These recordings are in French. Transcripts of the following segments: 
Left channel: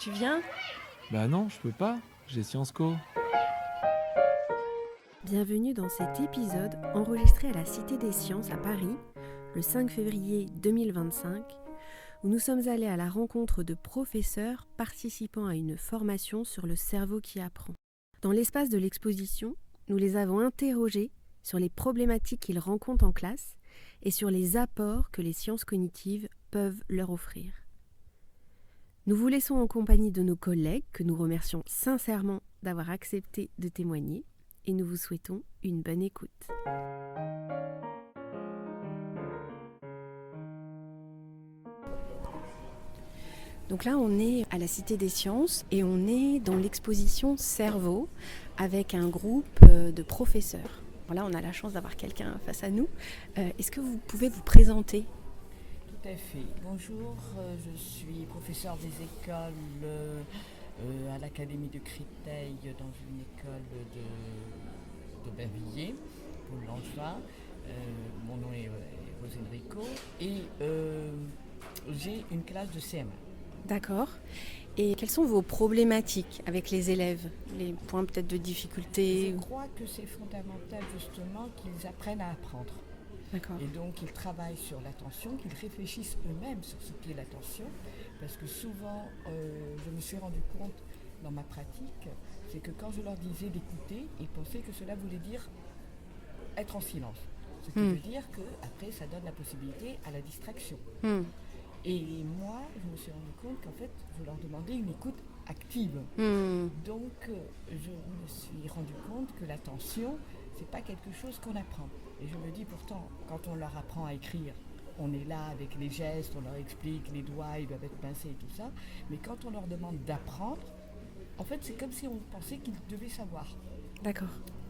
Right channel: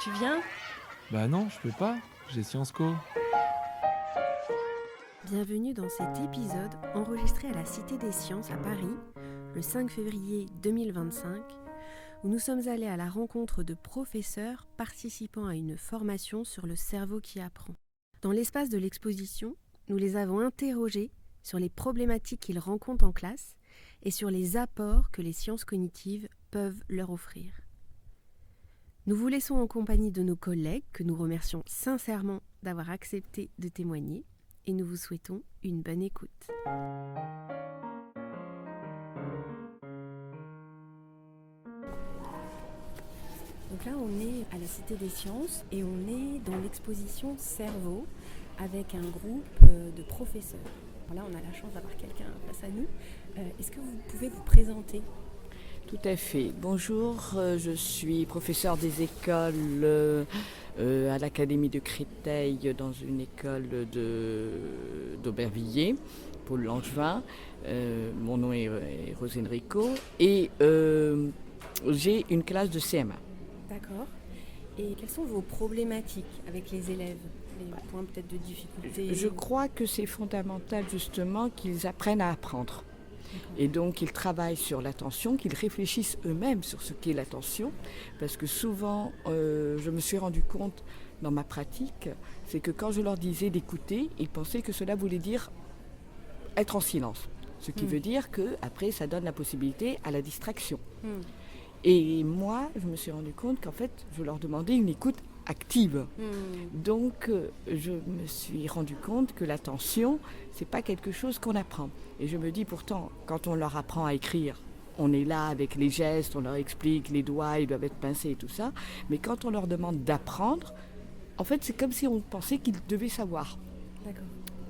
Tu viens? Bah non, je peux pas, j'ai Sciences Co. Bienvenue dans cet épisode enregistré à la Cité des Sciences à Paris, le 5 février 2025, où nous sommes allés à la rencontre de professeurs participant à une formation sur le cerveau qui apprend. Dans l'espace de l'exposition, nous les avons interrogés sur les problématiques qu'ils rencontrent en classe et sur les apports que les sciences cognitives peuvent leur offrir. Nous vous laissons en compagnie de nos collègues que nous remercions sincèrement d'avoir accepté de témoigner et nous vous souhaitons une bonne écoute. Donc là, on est à la Cité des Sciences et on est dans l'exposition Cerveau avec un groupe de professeurs. Alors là, on a la chance d'avoir quelqu'un face à nous. Est-ce que vous pouvez vous présenter ? Tout à fait. Bonjour, je suis professeure des écoles à l'Académie de Créteil dans une école d'Aubervilliers, Paul Langevin. Mon nom est Rose Enrico et j'ai une classe de CM1. D'accord. Et quelles sont vos problématiques avec les élèves ? Les points peut-être de difficulté ? Je crois que c'est fondamental justement qu'ils apprennent à apprendre. D'accord. Et donc ils travaillent sur l'attention, qu'ils réfléchissent eux-mêmes sur ce qu'est l'attention, parce que souvent je me suis rendu compte dans ma pratique, c'est que quand je leur disais d'écouter, ils pensaient que cela voulait dire être en silence, ce qui veut dire qu'après ça donne la possibilité à la distraction. Et moi je me suis rendu compte qu'en fait je leur demandais une écoute active. Donc je me suis rendu compte que l'attention, c'est pas quelque chose qu'on apprend. Et je me dis pourtant, quand on leur apprend à écrire, on est là avec les gestes, on leur explique, les doigts, ils doivent être pincés et tout ça. Mais quand on leur demande d'apprendre, en fait, c'est comme si on pensait qu'ils devaient savoir. D'accord.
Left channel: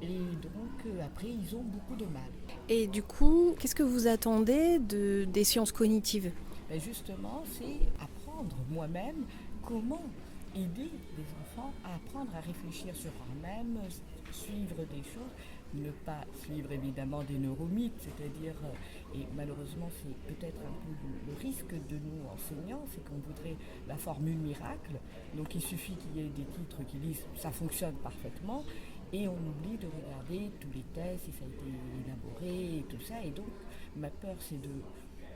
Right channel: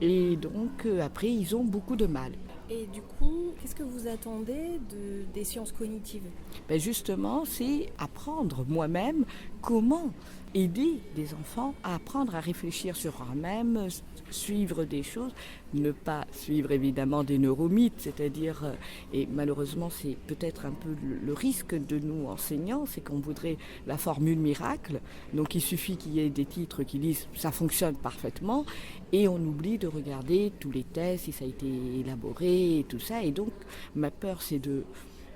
Et donc, après, ils ont beaucoup de mal. Et du coup, qu'est-ce que vous attendez des sciences cognitives ? Ben justement, c'est apprendre moi-même comment aider des enfants à apprendre à réfléchir sur eux-mêmes, suivre des choses, ne pas suivre évidemment des neuromythes, c'est-à-dire, et malheureusement c'est peut-être un peu le risque de nous enseignants, c'est qu'on voudrait la formule miracle, donc il suffit qu'il y ait des titres qui disent ça fonctionne parfaitement, et on oublie de regarder tous les tests, si ça a été élaboré et tout ça, et donc ma peur c'est de...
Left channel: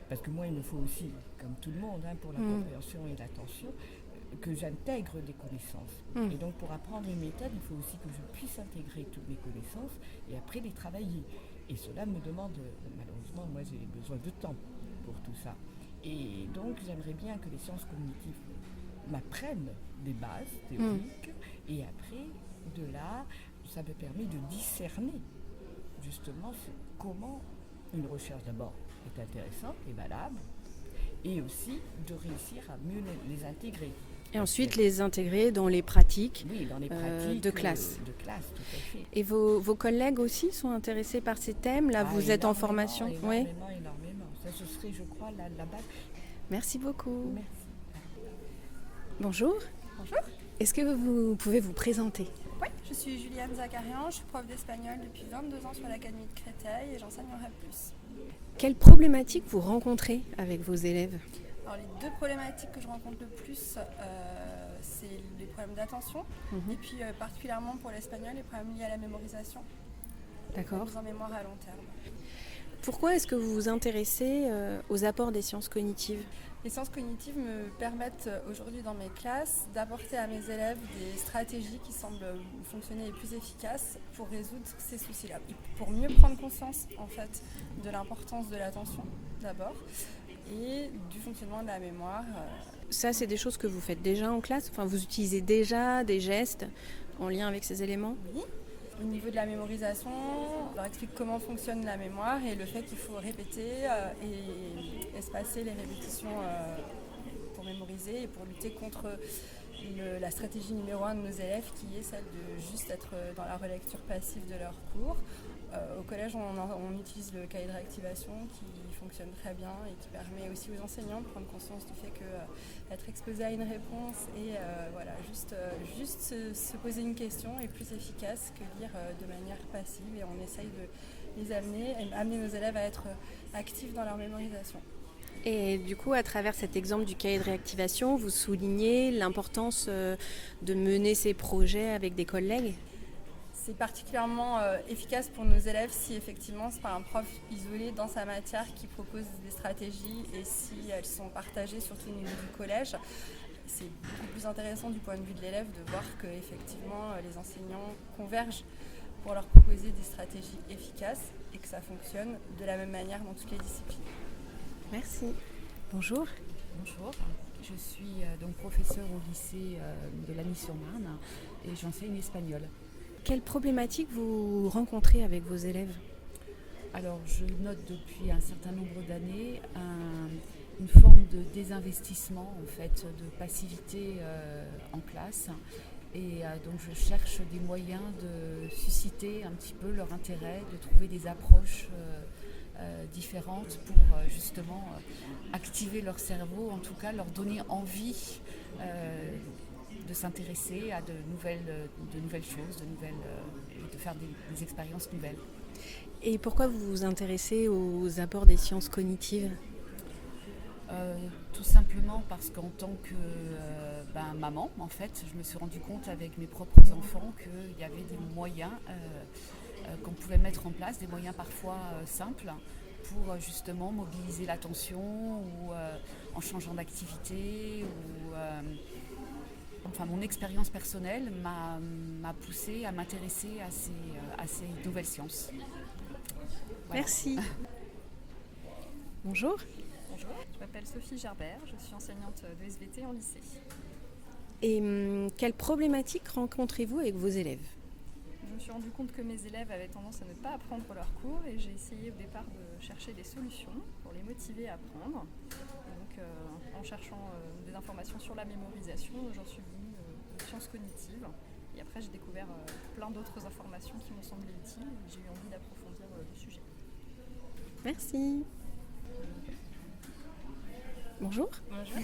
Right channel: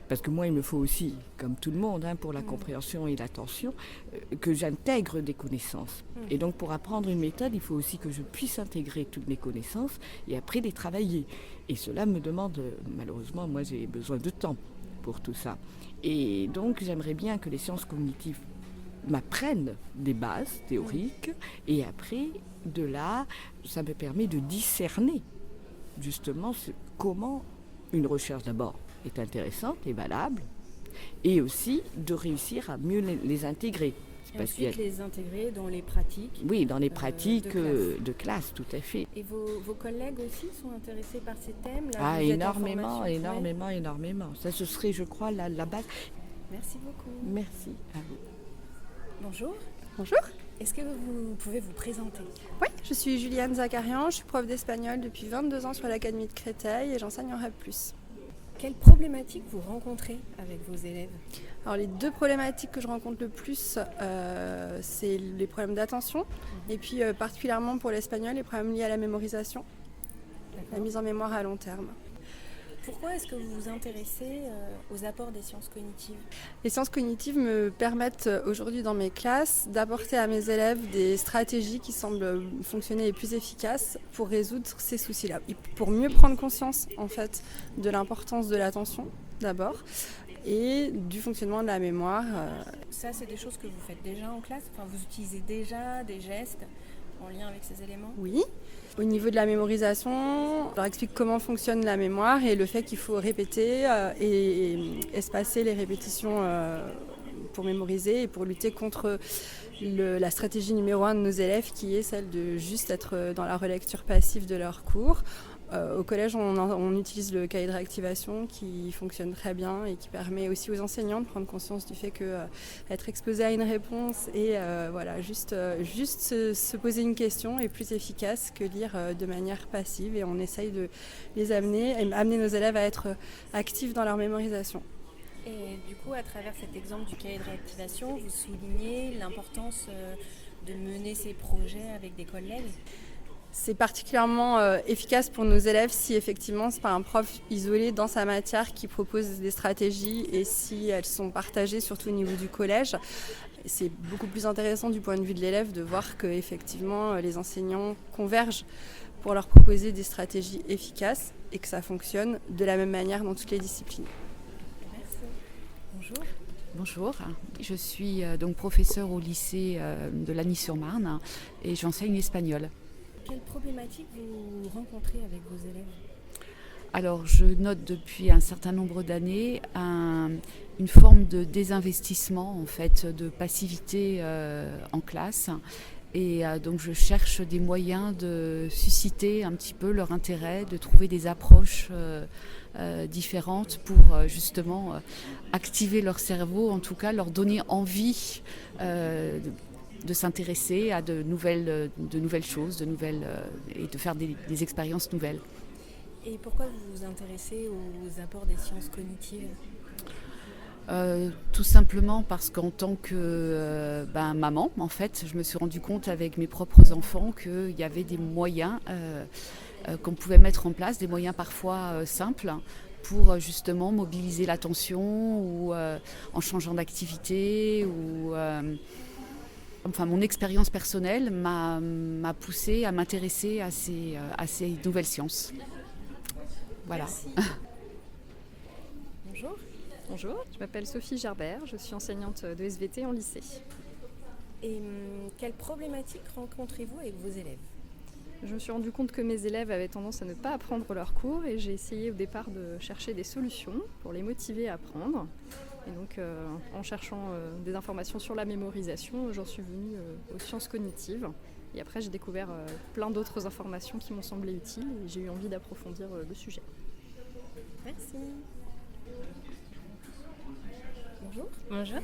Parce que moi, il me faut aussi, comme tout le monde, pour la compréhension et l'attention, que j'intègre des connaissances. Et donc, pour apprendre une méthode, il faut aussi que je puisse intégrer toutes mes connaissances et après les travailler. Et cela me demande, malheureusement, moi, j'ai besoin de temps pour tout ça. Et donc, j'aimerais bien que les sciences cognitives m'apprennent des bases théoriques. Et après, de là, ça me permet de discerner, justement, comment une recherche d'abord est intéressante et valable, et aussi de réussir à mieux les intégrer. Et ensuite les intégrer dans les pratiques. Oui, dans les pratiques de classe. Tout à fait. Et vos collègues aussi sont intéressés par ces thèmes ? Là, vous êtes en formation. Énormément. Ça, ce serait, je crois, la base. Merci beaucoup. Merci à vous. Bonjour. Bonjour. Est-ce que vous pouvez vous présenter ? Oui, je suis Juliane Zakarian, je suis prof d'espagnol depuis 22 ans sur l'Académie de Créteil et j'enseigne en REP+. Quelles problématiques vous rencontrez avec vos élèves ? Alors les deux problématiques que je rencontre le plus, c'est les problèmes d'attention et puis particulièrement pour l'espagnol, les problèmes liés à la mémorisation, la mise en mémoire à long terme. Pourquoi est-ce que vous vous intéressez aux apports des sciences cognitives ? Les sciences cognitives me permettent aujourd'hui dans mes classes d'apporter à mes élèves des stratégies qui semblent fonctionner les plus efficaces pour résoudre ces soucis-là. Pour mieux prendre conscience en fait de l'importance de l'attention d'abord et du fonctionnement de la mémoire. Ça, c'est des choses que vous faites déjà en classe ? Enfin, vous utilisez déjà des gestes en lien avec ces éléments ? Oui. Au niveau de la mémorisation, on leur explique comment fonctionne la mémoire et le fait qu'il faut répéter et espacer les répétitions pour mémoriser et pour lutter contre la stratégie numéro 1 de nos élèves qui est celle de juste être dans la relecture passive de leurs cours. Au collège, on utilise le cahier de réactivation qui fonctionne très bien et qui permet aussi aux enseignants de prendre conscience du fait qu'être exposé à une réponse et juste se poser une question est plus efficace que lire de manière passive, et on essaye de les amener nos élèves à être actifs dans leur mémorisation. Et du coup, à travers cet exemple du cahier de réactivation, vous soulignez l'importance de mener ces projets avec des collègues. C'est particulièrement efficace pour nos élèves si effectivement c'est pas un prof isolé dans sa matière qui propose des stratégies et si elles sont partagées surtout au niveau du collège. C'est beaucoup plus intéressant du point de vue de l'élève de voir que effectivement les enseignants convergent pour leur proposer des stratégies efficaces et que ça fonctionne de la même manière dans toutes les disciplines. Merci. Bonjour. Bonjour, je suis donc professeure au lycée de Lagny-sur-Marne et j'enseigne l'espagnol. Quelles problématiques vous rencontrez avec vos élèves ? Alors je note depuis un certain nombre d'années une forme de désinvestissement, en fait, de passivité en classe. Et donc je cherche des moyens de susciter un petit peu leur intérêt, de trouver des approches différentes pour justement activer leur cerveau, en tout cas leur donner envie de s'intéresser à de nouvelles choses, et de faire des expériences nouvelles. Et pourquoi vous vous intéressez aux apports des sciences cognitives ? Tout simplement parce qu'en tant que maman, en fait, je me suis rendu compte avec mes propres enfants qu'il y avait des moyens qu'on pouvait mettre en place, des moyens parfois simples, pour justement mobiliser l'attention ou en changeant d'activité. Mon expérience personnelle m'a poussée à m'intéresser à ces nouvelles sciences. Voilà. Merci. Bonjour. Bonjour, je m'appelle Sophie Gerbert, je suis enseignante de SVT en lycée. Et quelles problématiques rencontrez-vous avec vos élèves ? Je me suis rendu compte que mes élèves avaient tendance à ne pas apprendre leurs cours et j'ai essayé au départ de chercher des solutions pour les motiver à apprendre. Et donc en cherchant des informations sur la mémorisation, j'en suis venue aux sciences cognitives. Et après j'ai découvert plein d'autres informations qui m'ont semblé utiles et j'ai eu envie d'approfondir le sujet. Merci. Bonjour. Bonjour.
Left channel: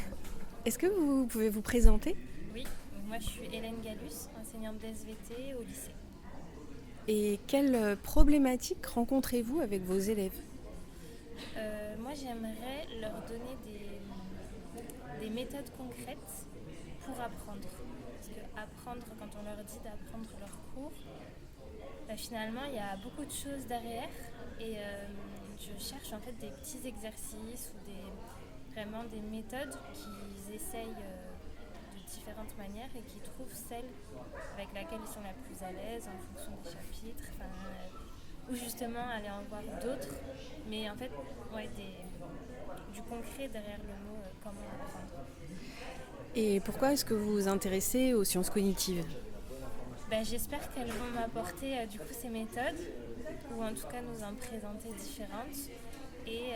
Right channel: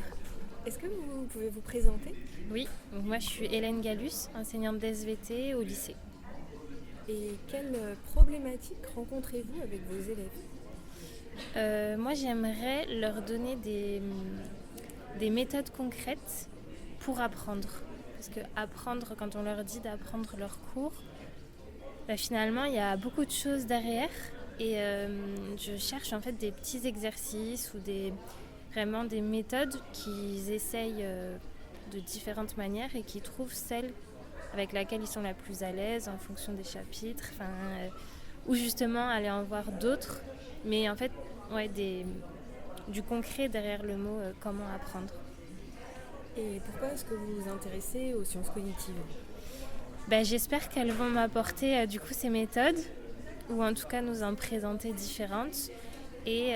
Est-ce que vous pouvez vous présenter ? Oui, donc moi je suis Hélène Gallus, enseignante d'SVT au lycée. Et quelles problématiques rencontrez-vous avec vos élèves ? Moi j'aimerais leur donner des méthodes concrètes pour apprendre. Parce que apprendre, quand on leur dit d'apprendre leur cours, finalement il y a beaucoup de choses derrière. Et je cherche en fait des petits exercices ou vraiment des méthodes qu'ils essayent de différentes manières et qui trouvent celle avec laquelle ils sont la plus à l'aise en fonction des chapitres, ou justement aller en voir d'autres, mais en fait du concret derrière le mot comment apprendre. Et pourquoi est-ce que vous vous intéressez aux sciences cognitives ? J'espère qu'elles vont m'apporter du coup ces méthodes, ou en tout cas nous en présenter différentes, et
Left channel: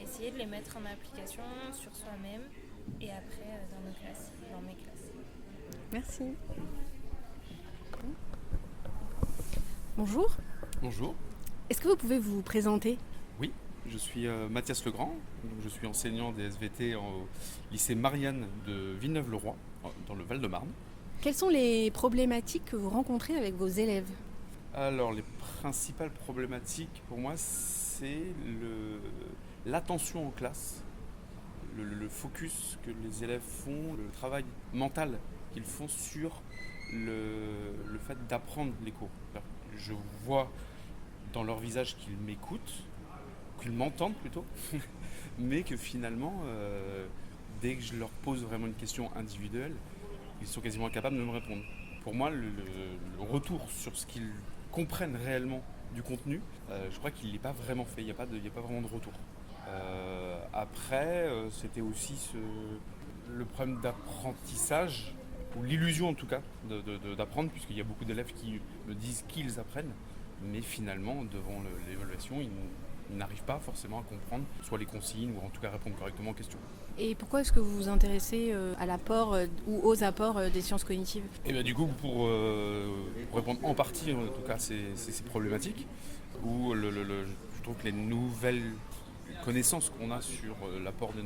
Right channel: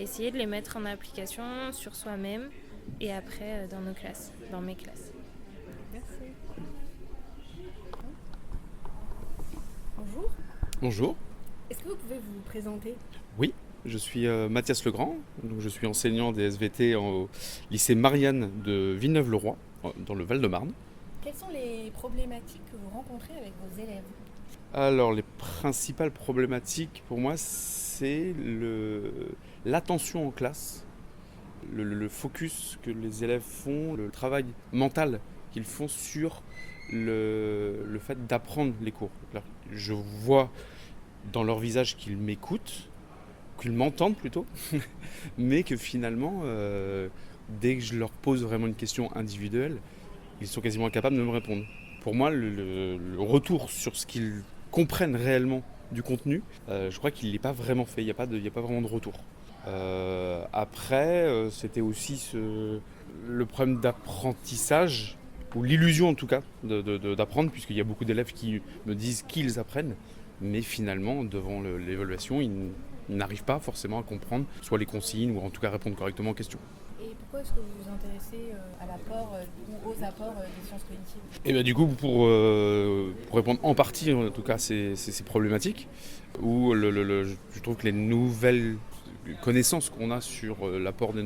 essayer de les mettre en application sur soi-même et après dans mes classes. Merci. Bonjour. Bonjour. Est-ce que vous pouvez vous présenter ? Oui, je suis Mathias Legrand, donc je suis enseignant des SVT au lycée Marianne de Villeneuve-le-Roi, dans le Val-de-Marne. Quelles sont les problématiques que vous rencontrez avec vos élèves ? Alors, les principales problématiques pour moi, c'est l'attention en classe, le focus que les élèves font, le travail mental qu'ils font sur le fait d'apprendre les cours. Alors, je vois dans leur visage qu'ils m'écoutent, qu'ils m'entendent plutôt, mais que finalement, dès que je leur pose vraiment une question individuelle, ils sont quasiment incapables de me répondre. Pour moi, le retour sur ce qu'ils comprennent réellement du contenu, je crois qu'il n'est pas vraiment fait, il n'y a pas vraiment de retour. Après, c'était aussi le problème d'apprentissage, ou l'illusion en tout cas d'apprendre, puisqu'il y a beaucoup d'élèves qui me disent qu'ils apprennent, mais finalement, devant l'évaluation, ils n'arrivent pas forcément à comprendre soit les consignes ou en tout cas répondre correctement aux questions. Et pourquoi est-ce que vous vous intéressez à l'apport ou aux apports des sciences cognitives ? Et bien du coup, pour répondre en partie en tout cas à ces problématiques, où je trouve que les nouvelles connaissances qu'on a sur l'apport des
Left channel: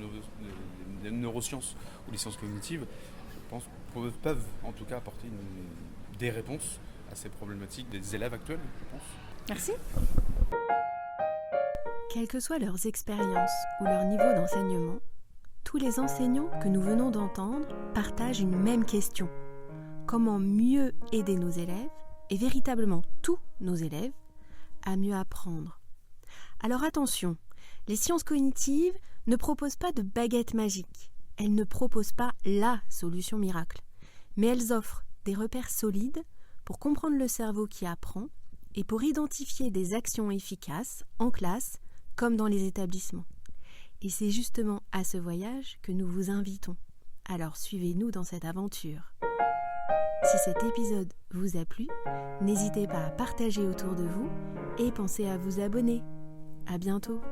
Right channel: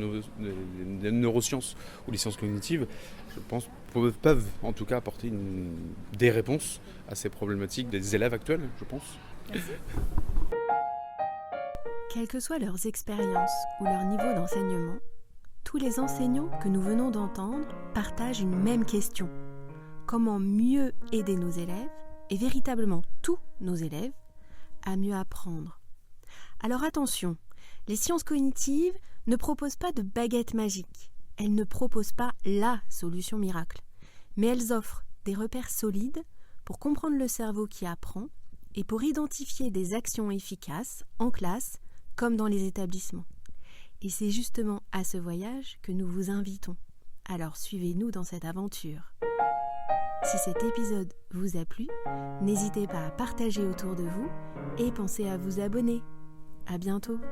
neurosciences ou les sciences cognitives, je pense peuvent en tout cas apporter des réponses à ces problématiques des élèves actuels, je pense. Merci. Quelles que soient leurs expériences ou leur niveau d'enseignement, tous les enseignants que nous venons d'entendre partagent une même question. Comment mieux aider nos élèves, et véritablement tous nos élèves, à mieux apprendre? Alors attention, les sciences cognitives ne proposent pas de baguette magique. Elles ne proposent pas la solution miracle. Mais elles offrent des repères solides pour comprendre le cerveau qui apprend et pour identifier des actions efficaces en classe comme dans les établissements. Et c'est justement à ce voyage que nous vous invitons. Alors suivez-nous dans cette aventure. Si cet épisode vous a plu, n'hésitez pas à partager autour de vous et pensez à vous abonner. À bientôt!